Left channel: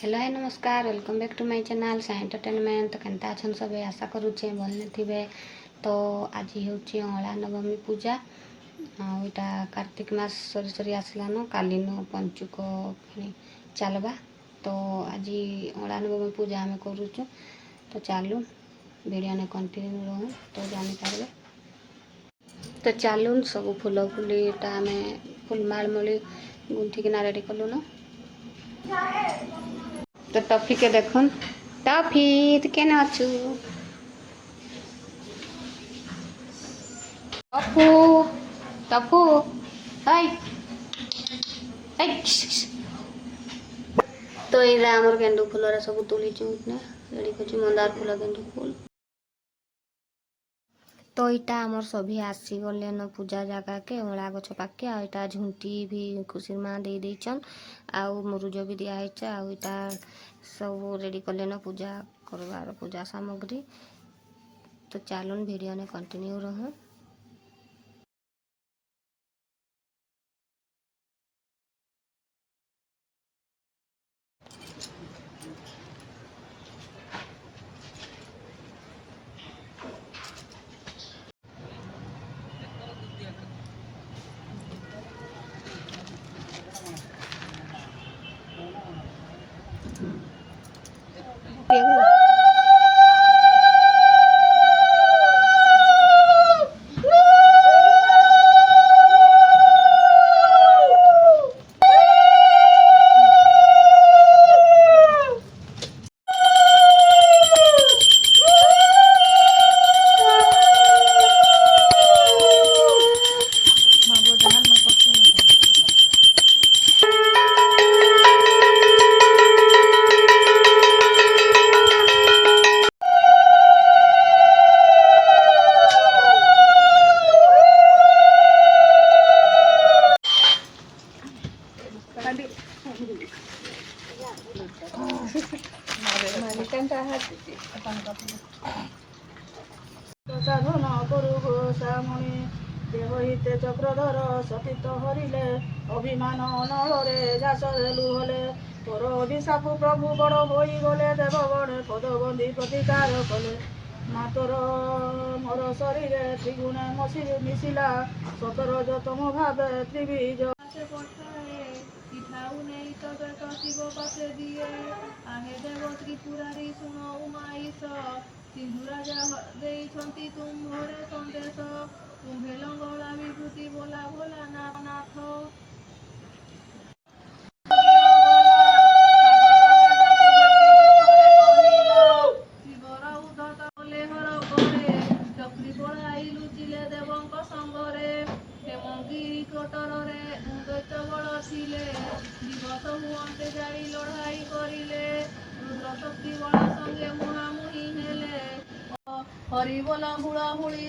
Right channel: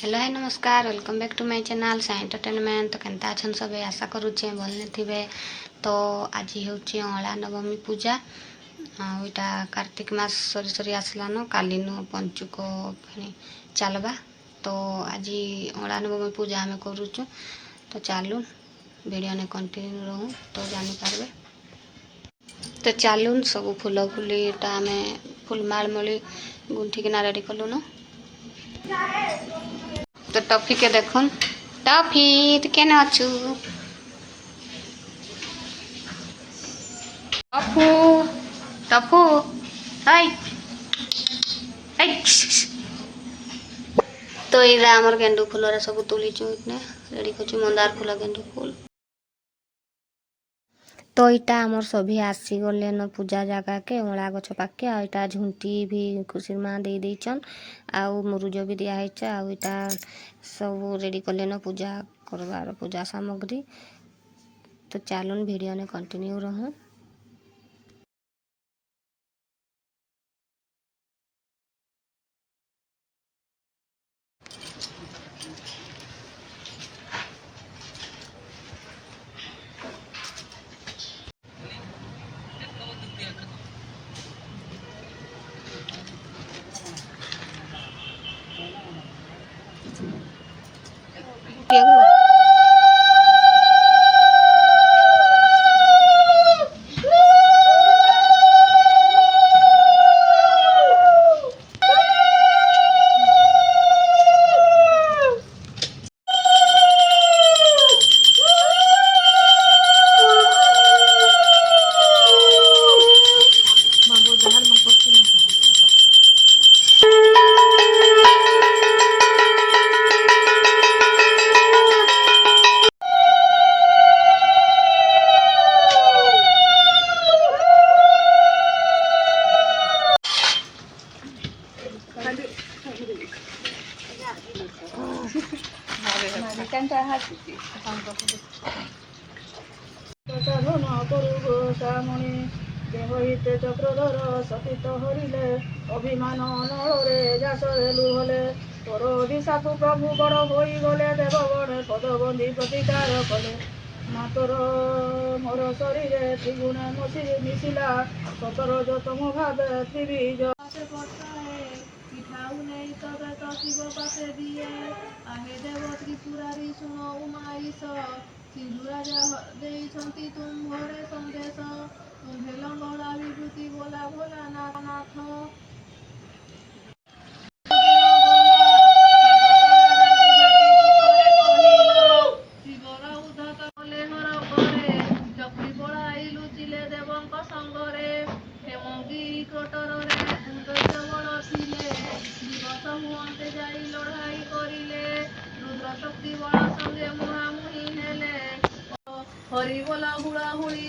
Hello है नमस्कार welcome back to my channel Sai entertainment. तो केनता अछन सब आशा करुचे भल थे। तो आज हूँ अला नवमी पूजा आईटा कार्तिक मास सरी सरी आसलान कालीन पंचुक फिर चलवा। तो आज अला नवमी पूजा आम करुचु। तो चलून वीडियो ने कंटिन्यू रहूँ तो जानीपारे। तो चलून सब फूल फुलीटा आम फुलमाल मली गुंथिकिना रेडी कलुन। तो टफी के देखुन टफी तो केना अच्छू टफू टफू हाय हाय। तो ये आमर गेंडू फूल सब तुलीचु रेडी कर मंदार फूल गेंडू फूल। तो इटा आमर सभी आसी गले न पूजा जगह के अला गछ पाके आईटा झुंटी भी खुशी माँ दे देचन आउ मुरुज भी दिखाई आईटा सब रेडी कले न पूजा करवार पूजा सामग्री। तो चलून वीडियो ने कंटिन्यू रहूँ। देह हिते चक्रधर सतीत हरिले अभिमान नलरे जास लुहले तोर अभिशाप प्रभु बड़ हो गले देवगणे पदबंदी प्रतिकार कले मातर मोर शरीर त्रिगुणे मसीरे मिशिला सतर जतम भावे त्रिबीज शिव पासे दिए आहे देव त्रिपुरारी शुण उमाईश सिंधु राजा देइछंती तुम्भरे संदेश तुम्भे लंगड़ा विभूति बोला भोला नाथ जाई लड़ाई करिले रुद्र शक्ति बड़ा संगे मुहामुही हेले हरि बोला हुड़ा हुड़ी